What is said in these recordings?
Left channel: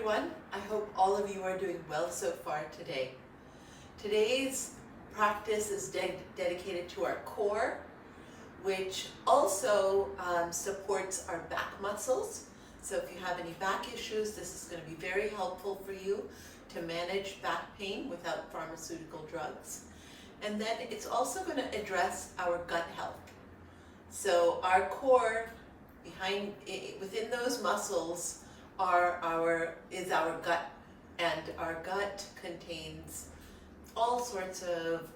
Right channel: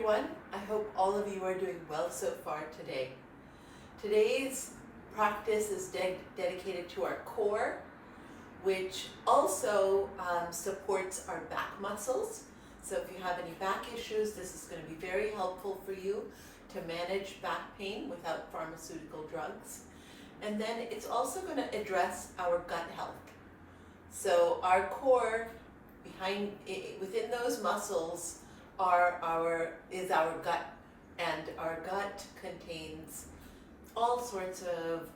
everyone. I hope all of you are doing well so far today. Today's practice is dedicated to our core, which also supports our back muscles. So if you have any back issues, this is going to be very helpful for you to manage back pain without pharmaceutical drugs. And then it's also going to address our gut health. So our core, within those muscles, is our gut, and our gut contains all sorts of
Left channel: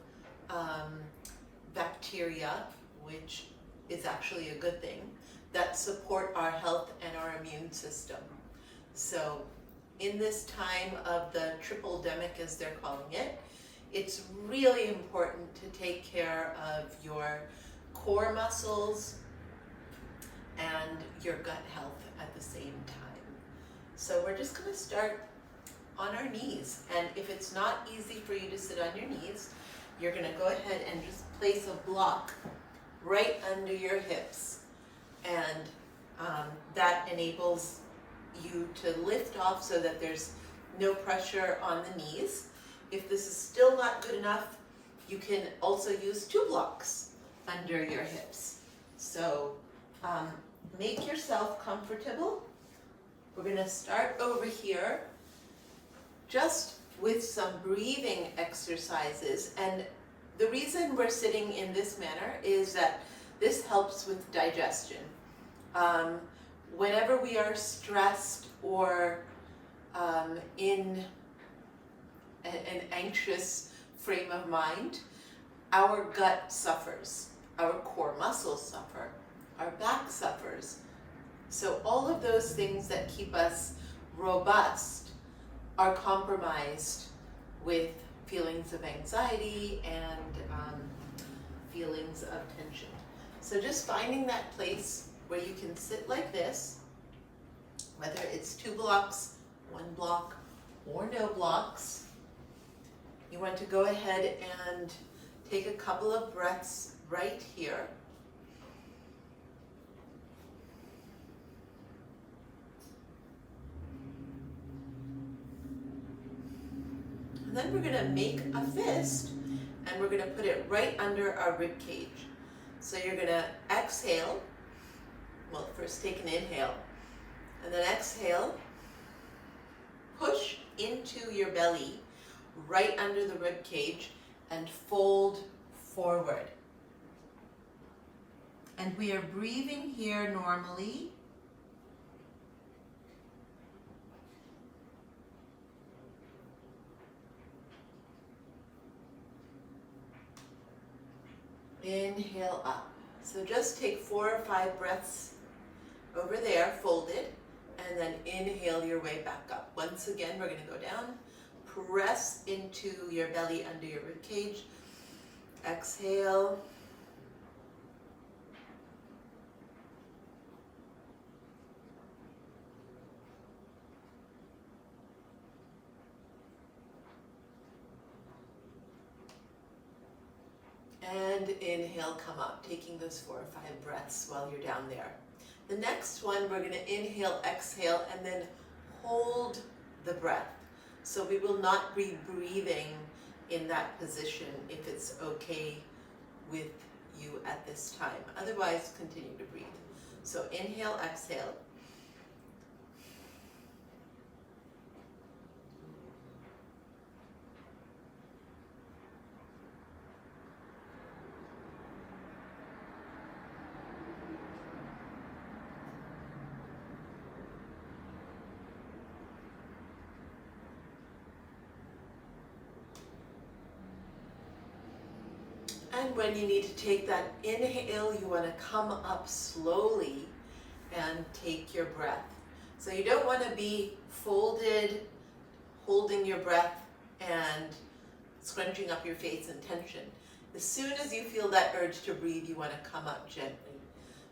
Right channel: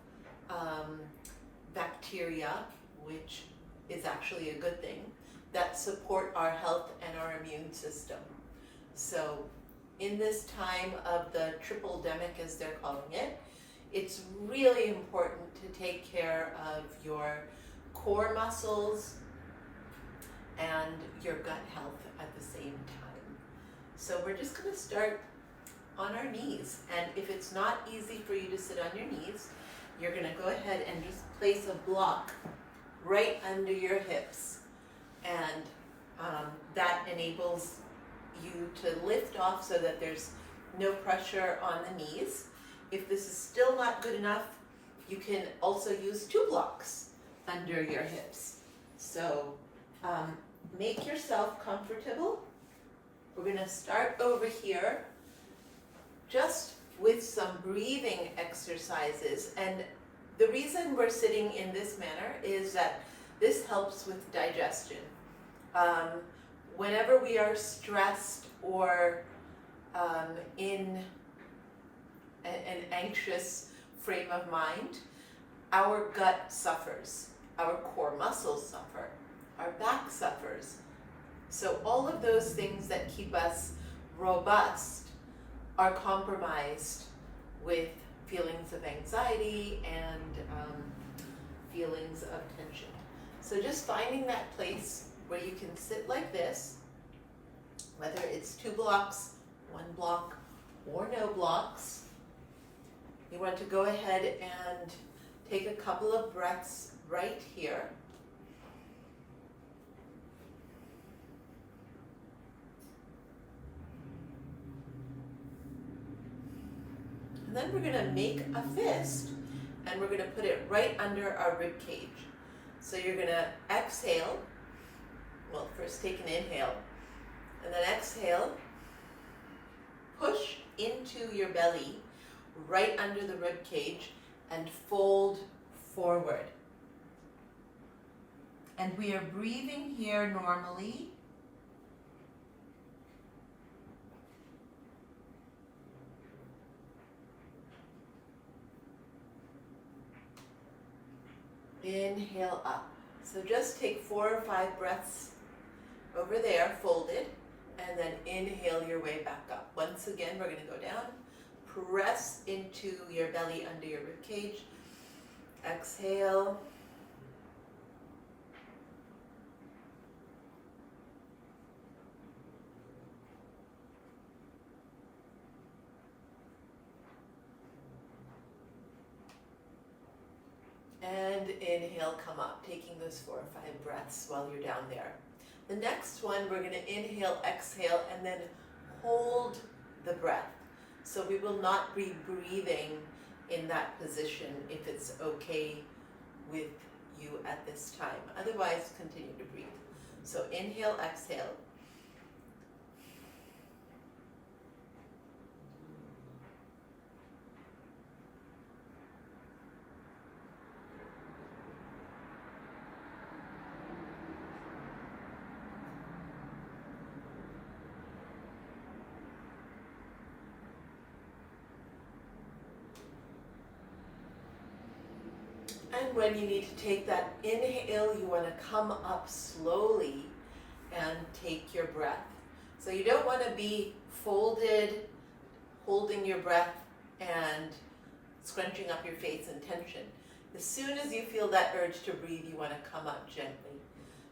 bacteria, which is actually a good thing, that support our health and our immune system. So in this time of the triple-demic, as they're calling it, it's really important to take care of your core muscles and your gut health at the same time. So we're just going to start on our knees, and if it's not easy for you to sit on your knees, you're going to go ahead and just place a block right under your hips, and that enables you to lift off so that there's no pressure on the knees. If this is still not good enough, you can also use 2 blocks under your hips. So make yourself comfortable. We're going to start over here just with some breathing exercises. And the reason we're sitting in this manner is that this helps with digestion. Whenever we are stressed or in an anxious frame of mind, our gut suffers, our core muscles suffer, our back suffers. So all of those things that keep us robust are compromised with feelings of anxiety and feelings of tension. So just finding that place where you can sit like this, whether it's 2 blocks, 1 block, or no blocks. You want to go ahead and take a couple of breaths right here. And then we're going to make a fist, and we're going to put it right under our rib cage. So you're going to exhale. Well, first take an inhale, and then exhale. Push into your belly, right under the rib cage, and fold forward. And we are breathing here normally. Inhale up. So just take 4 or 5 breaths over there, folded, and then inhale your way back up. Once again, we're going to go down. Press into your belly under your rib cage. Exhale. And inhale, come up, taking those 4 or 5 breaths while you're down there. The next one, we're going to inhale, exhale, and then hold the breath. So we will not be breathing in that position if it's okay with you at this time. Otherwise, continue to breathe. So inhale, exhale. And when you need to take that inhale, you want to come up slowly and take your breath. So you don't want to be folded, holding your breath and scrunching up your face in tension. As soon as you feel that urge to breathe, you want to come up gently.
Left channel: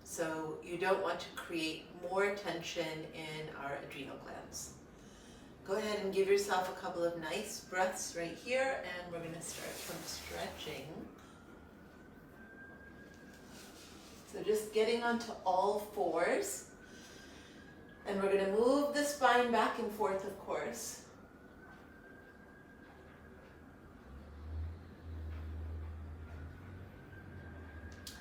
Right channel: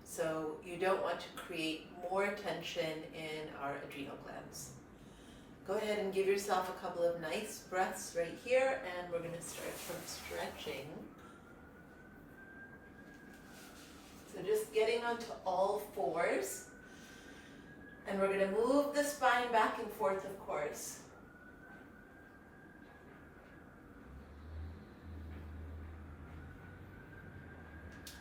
So you don't want to create more tension in our adrenal glands. Go ahead and give yourself a couple of nice breaths right here, and we're going to start from stretching. So just getting onto all fours. And we're going to move the spine back and forth, of course.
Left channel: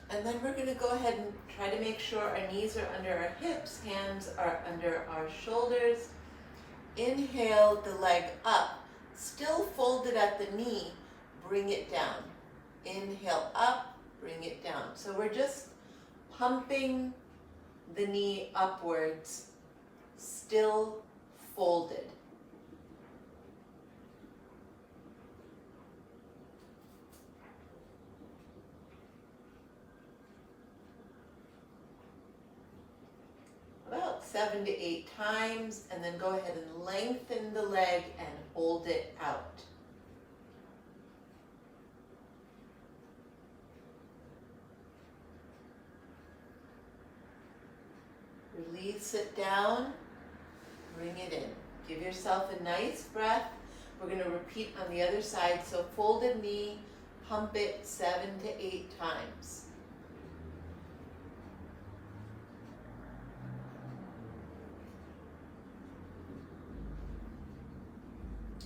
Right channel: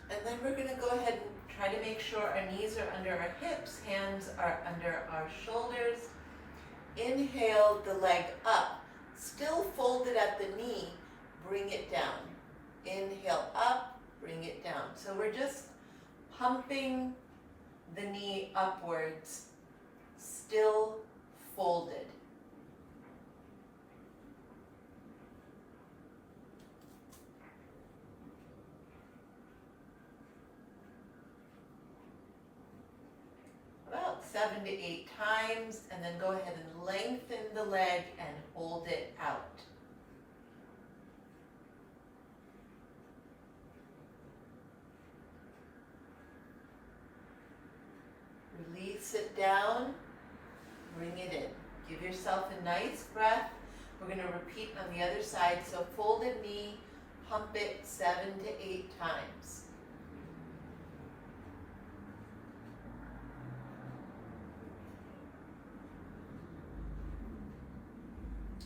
And then we're going to go ahead and try to make sure our knees are under our hips, hands are under our shoulders. Inhale the leg up, still folded at the knee, bring it down. Inhale up, bring it down. So we're just pumping the knee upwards, still folded. About 7 to 8 times, and then go ahead and lengthen the leg and hold it out. Release it down, bring it in. Give yourself a nice breath. We're going to repeat on the other side. So folded knee, pump it 7 to 8 times.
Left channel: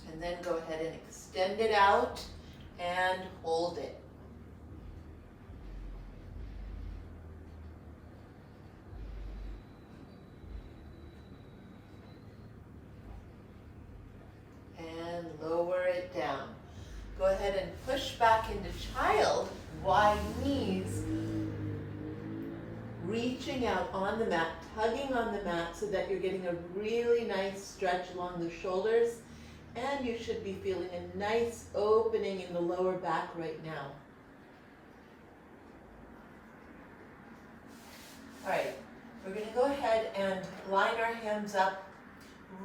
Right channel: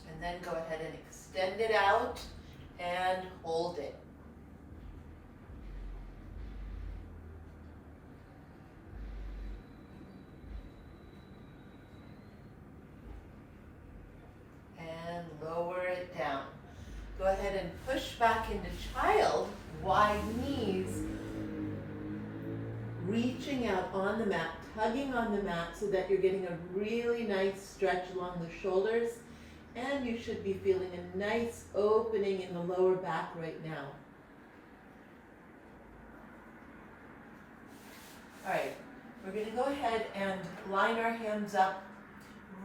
And then go ahead and extend it out and hold it. And lower it down. Go ahead and push back into child, wide knees, reaching out on the mat, tugging on the mat so that you're getting a really nice stretch along the shoulders. And you should be feeling a nice opening in the lower back right now. All right, we're going to go ahead and line our hands up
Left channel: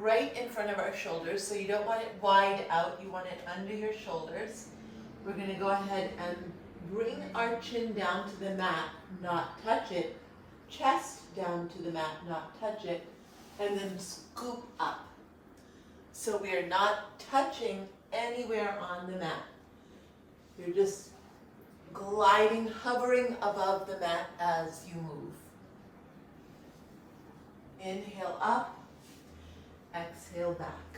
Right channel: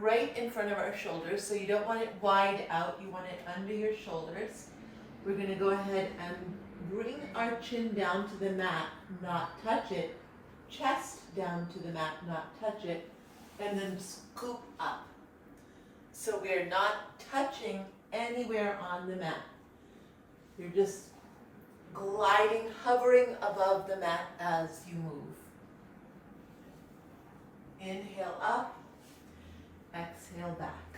right in front of our shoulders. So you don't want it wide out, you want it under your shoulders. We're going to go ahead and bring our chin down to the mat, not touch it. Chest down to the mat, not touch it. And then scoop up. So we are not touching anywhere on the mat. You're just gliding, hovering above the mat as you move. Inhale up, exhale back.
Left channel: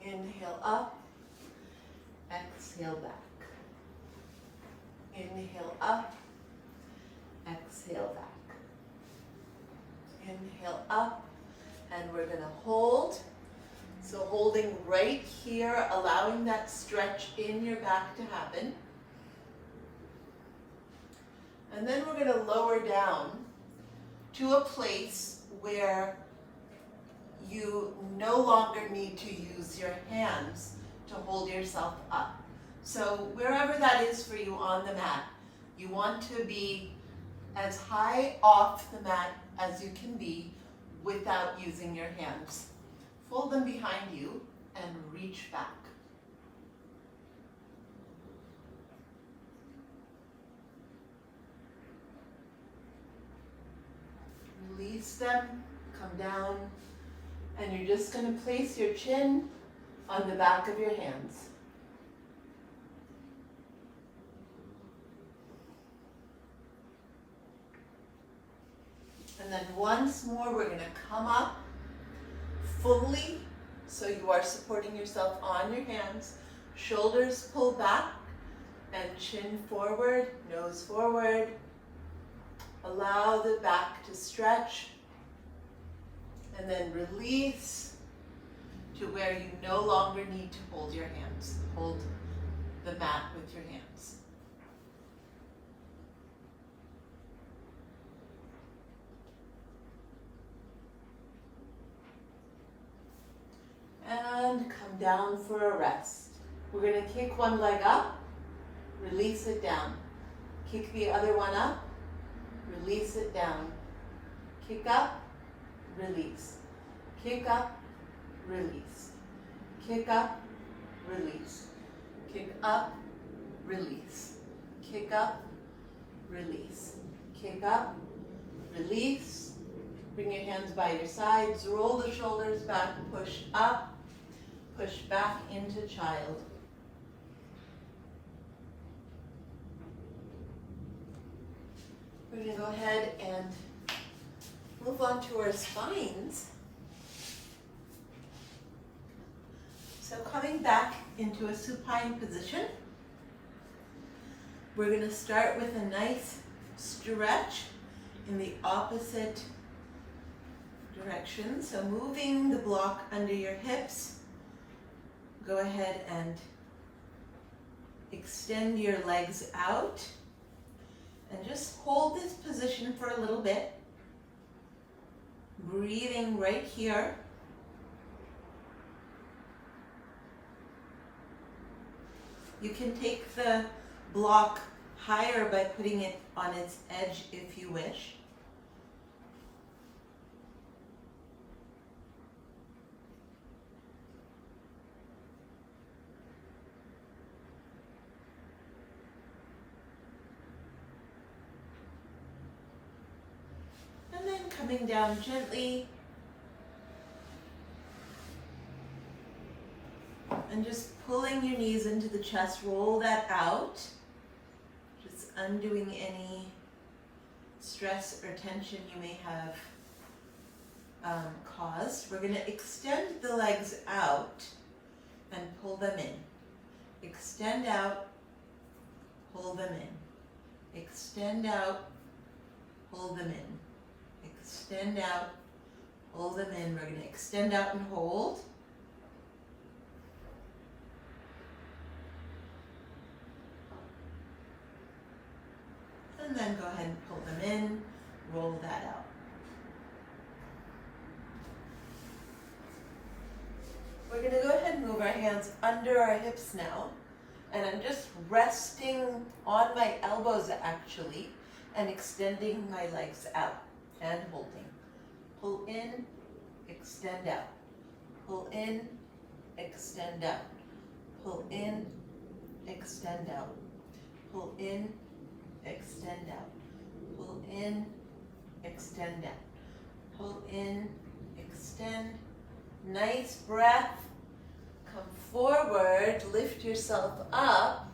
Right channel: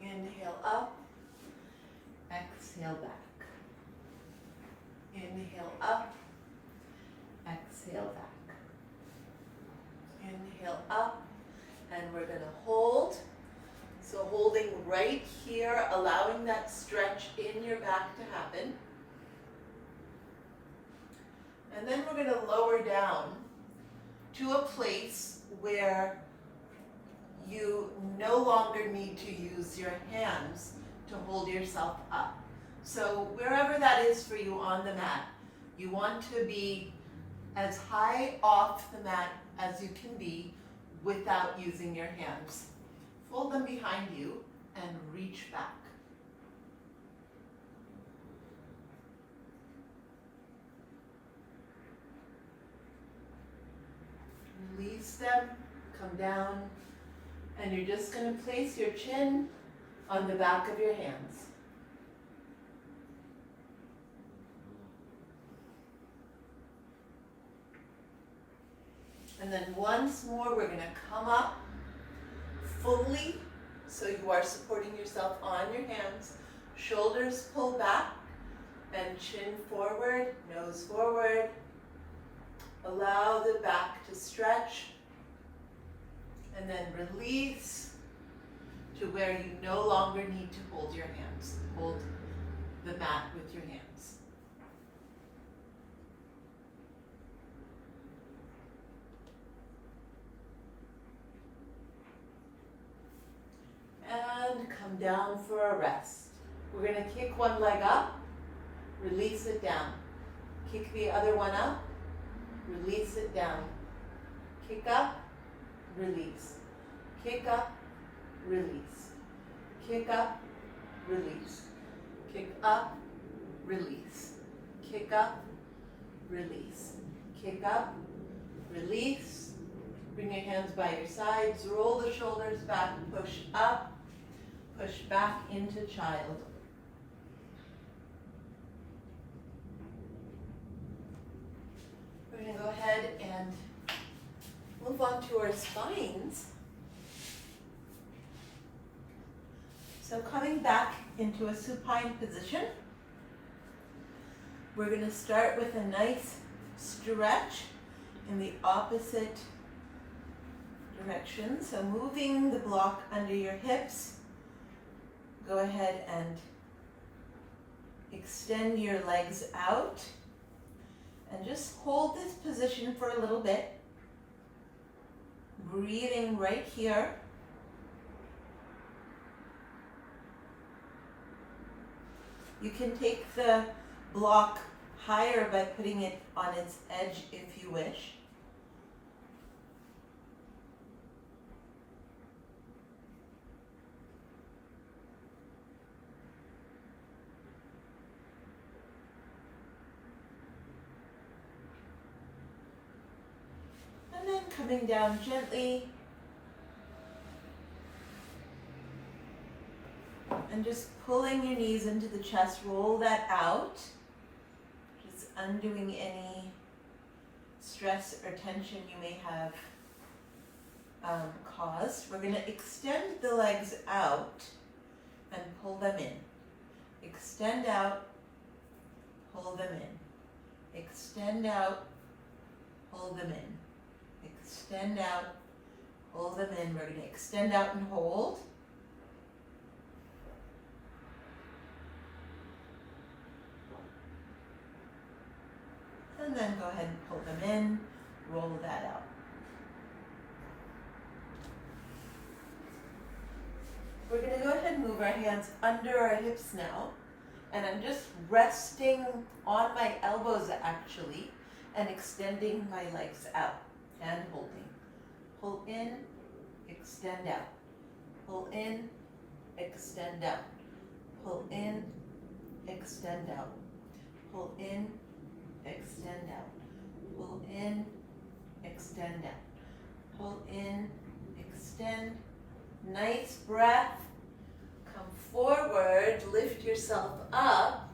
Inhale up, exhale back. Inhale up, exhale back. Inhale up. And we're going to hold. So holding right here, allowing that stretch in your back to happen. And then we're going to lower down to a place where you no longer need to use your hands to hold yourself up. So wherever that is for you on the mat, you want to be as high off the mat as you can be without using your hands. Fold them behind you and reach back. Release them, come down, and you're just going to place your chin on the back of your hands. And then once more, we're going to come up fully, so you are supporting yourself on your hands. Shoulders pull back and chin forward, nose forward. Allow the back to stretch. And then release to where you no longer need to hold your hands. Hold the mat with your hands. And come down for a rest. We're going to kick one leg up, release it down. Kick the other one up, release it down. Kick up, release. Kick up, release. Kick up, release. Kick up, release. Kick up, release. Kick up, release. Bring your hands by your sides, roll the shoulders back, push up. Push back into child. We're going to go ahead and move on to our spines. So coming back into a supine position, we're going to start with a nice stretch in the opposite direction. So moving the block under your hips, go ahead and extend your legs out and just hold this position for a little bit. Breathing right here. You can take the block higher by putting it on its edge if you wish. And then coming down gently and just pulling your knees into the chest, roll that out. Just undoing any stress or tension you may have caused. We're going to extend the legs out and pull them in. Extend out, pull them in. Extend out, pull them in. Extend out, pull them in. We're going to extend out and hold. And then go ahead and pull them in, roll that out. We're going to go ahead and move our hands under our hips now. And I'm just resting on my elbows actually and extending my legs out and holding. Pull in, extend out. Pull in, extend out. Pull in, extend out. Pull in, extend out. Pull in, extend out. Pull in, extend. Nice breath. Come forward, lift yourself up,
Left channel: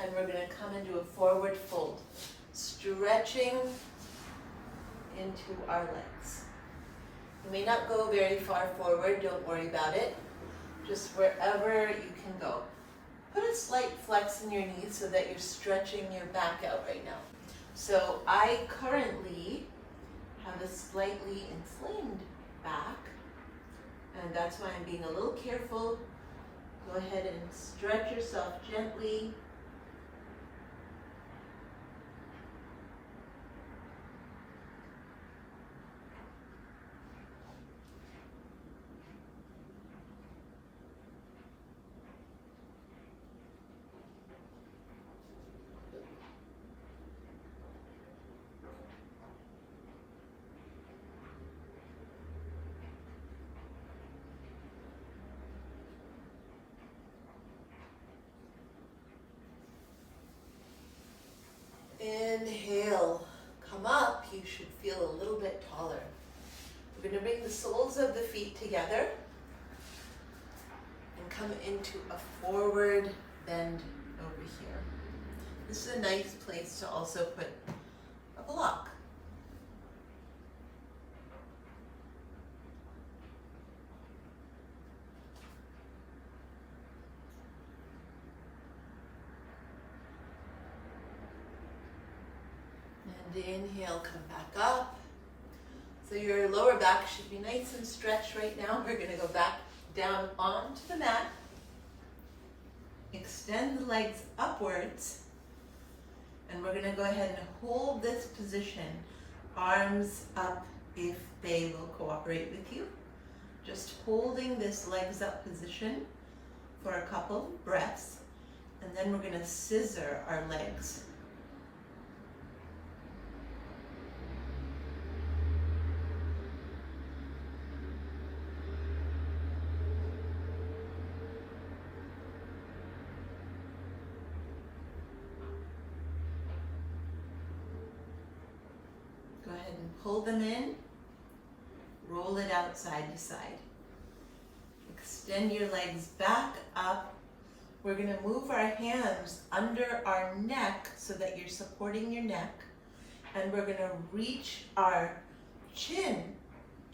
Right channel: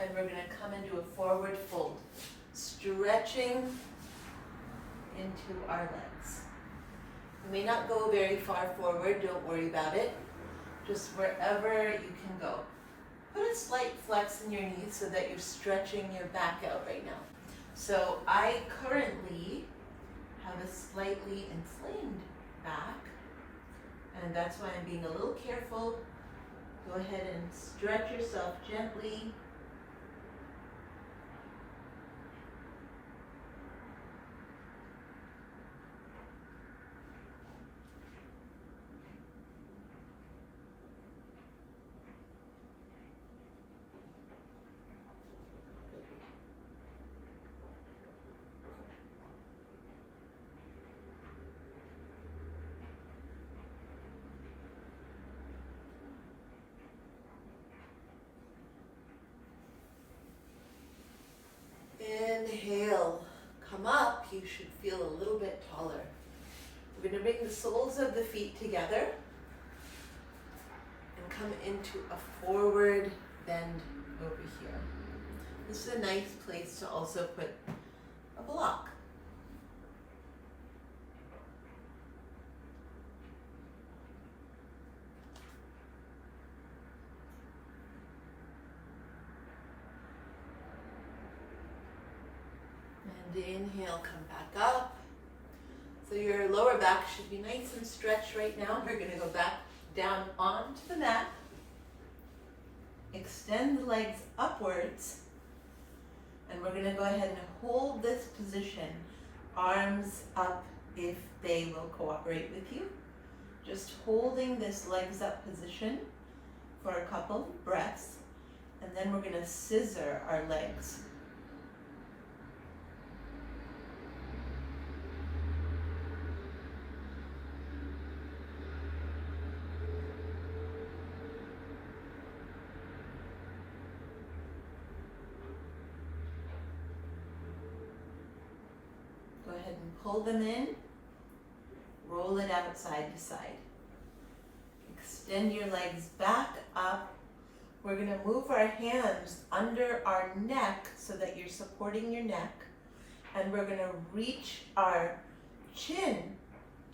and we're going to come into a forward fold. Stretching into our legs. You may not go very far forward, don't worry about it. Just wherever you can go. Put a slight flex in your knees so that you're stretching your back out right now. So I currently have a slightly inflamed back, and that's why I'm being a little careful. Go ahead and stretch yourself gently. Inhale, come up. You should feel a little bit taller. We're going to bring the soles of the feet together and come into a forward bend over here. This is a nice place to also put a block. And inhale, come back up. So your lower back should be nice and stretched right now. We're going to go back down onto the mat. Extend the legs upwards. And we're going to go ahead and hold this position. Arms up if they will cooperate with you. Just holding this legs up position for a couple breaths. And then we're going to scissor our legs. Pull them in, roll it out side to side. Extend your legs back up. We're going to move our hands under our neck so that you're supporting your neck. And we're going to reach our chin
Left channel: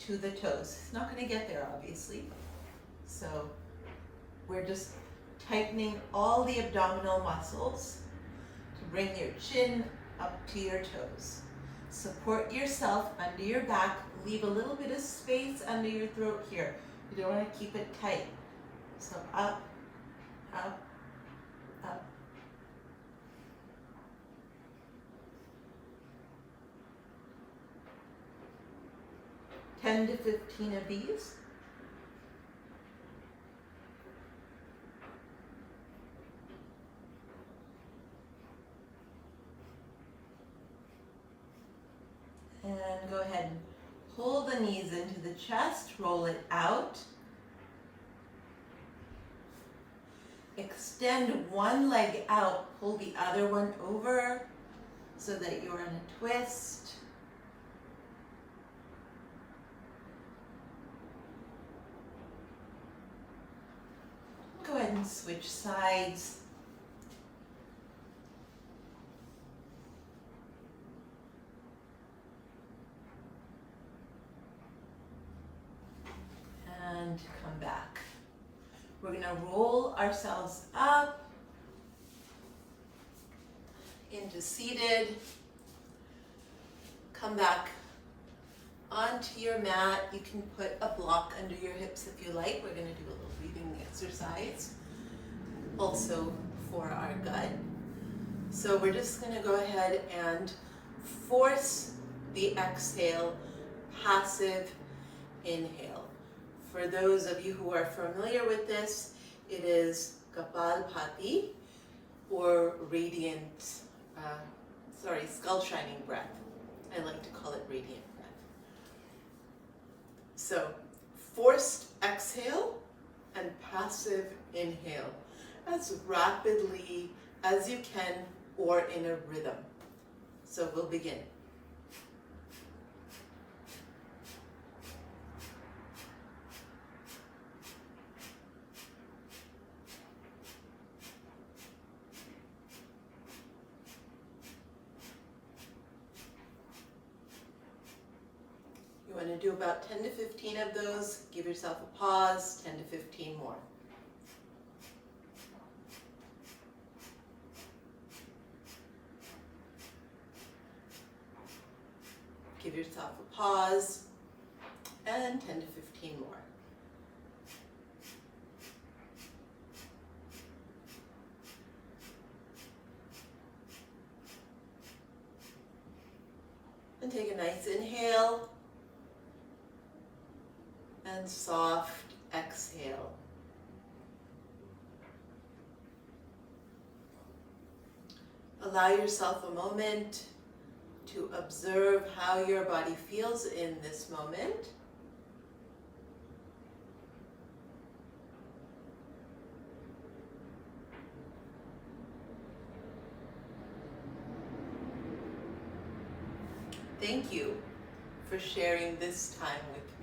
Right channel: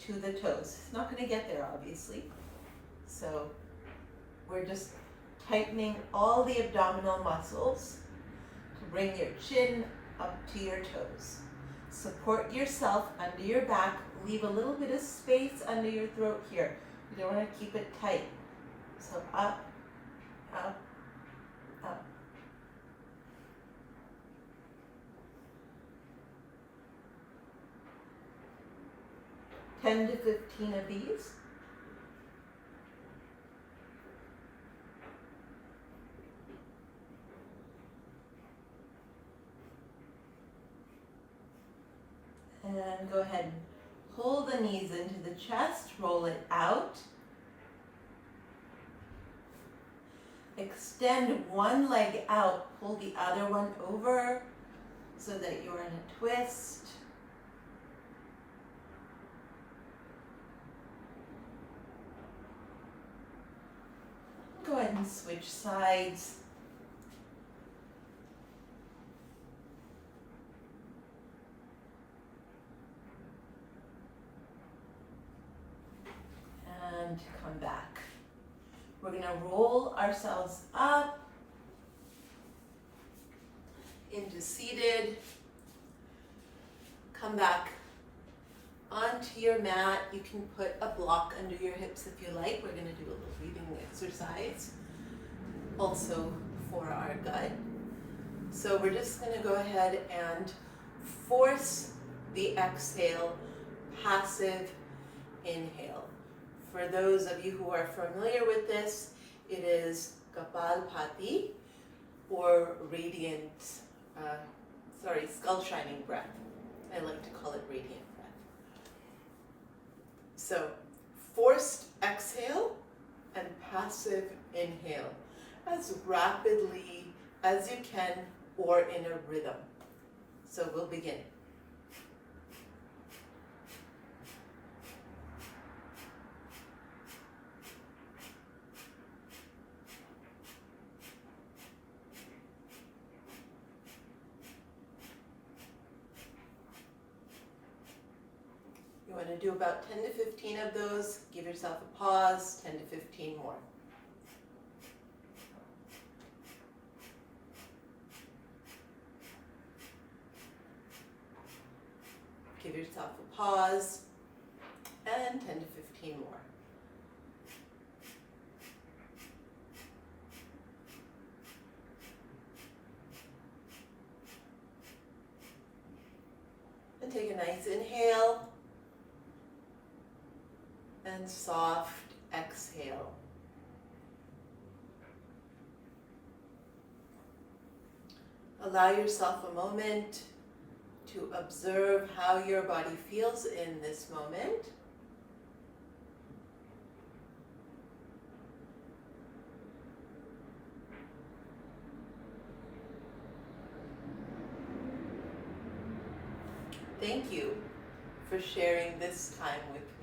to the toes. It's not going to get there, obviously. So we're just tightening all the abdominal muscles to bring your chin up to your toes. Support yourself under your back. Leave a little bit of space under your throat here. You don't want to keep it tight. So up, up, up. Ten to 15 of these. And go ahead and pull the knees into the chest, roll it out. Extend one leg out, pull the other one over so that you're in a twist. Go ahead and switch sides. And come back. We're going to roll ourselves up into seated. Come back onto your mat. You can put a block under your hips if you like. We're going to do a little breathing exercise also for our gut. So we're just going to go ahead and force the exhale, passive inhale. For those of you who are familiar with this, it is Kapalbhati or radiant, skull shining breath. I like to call it radiant breath. So forced exhale and passive inhale as rapidly as you can or in a rhythm. So we'll begin. You want to do about 10 to 15 of those. Give yourself a pause, 10 to 15 more. Give yourself a pause, and 10 to 15 more. And take a nice inhale. And soft exhale. Allow yourself a moment to observe how your body feels in this moment. Thank you for sharing this time with me.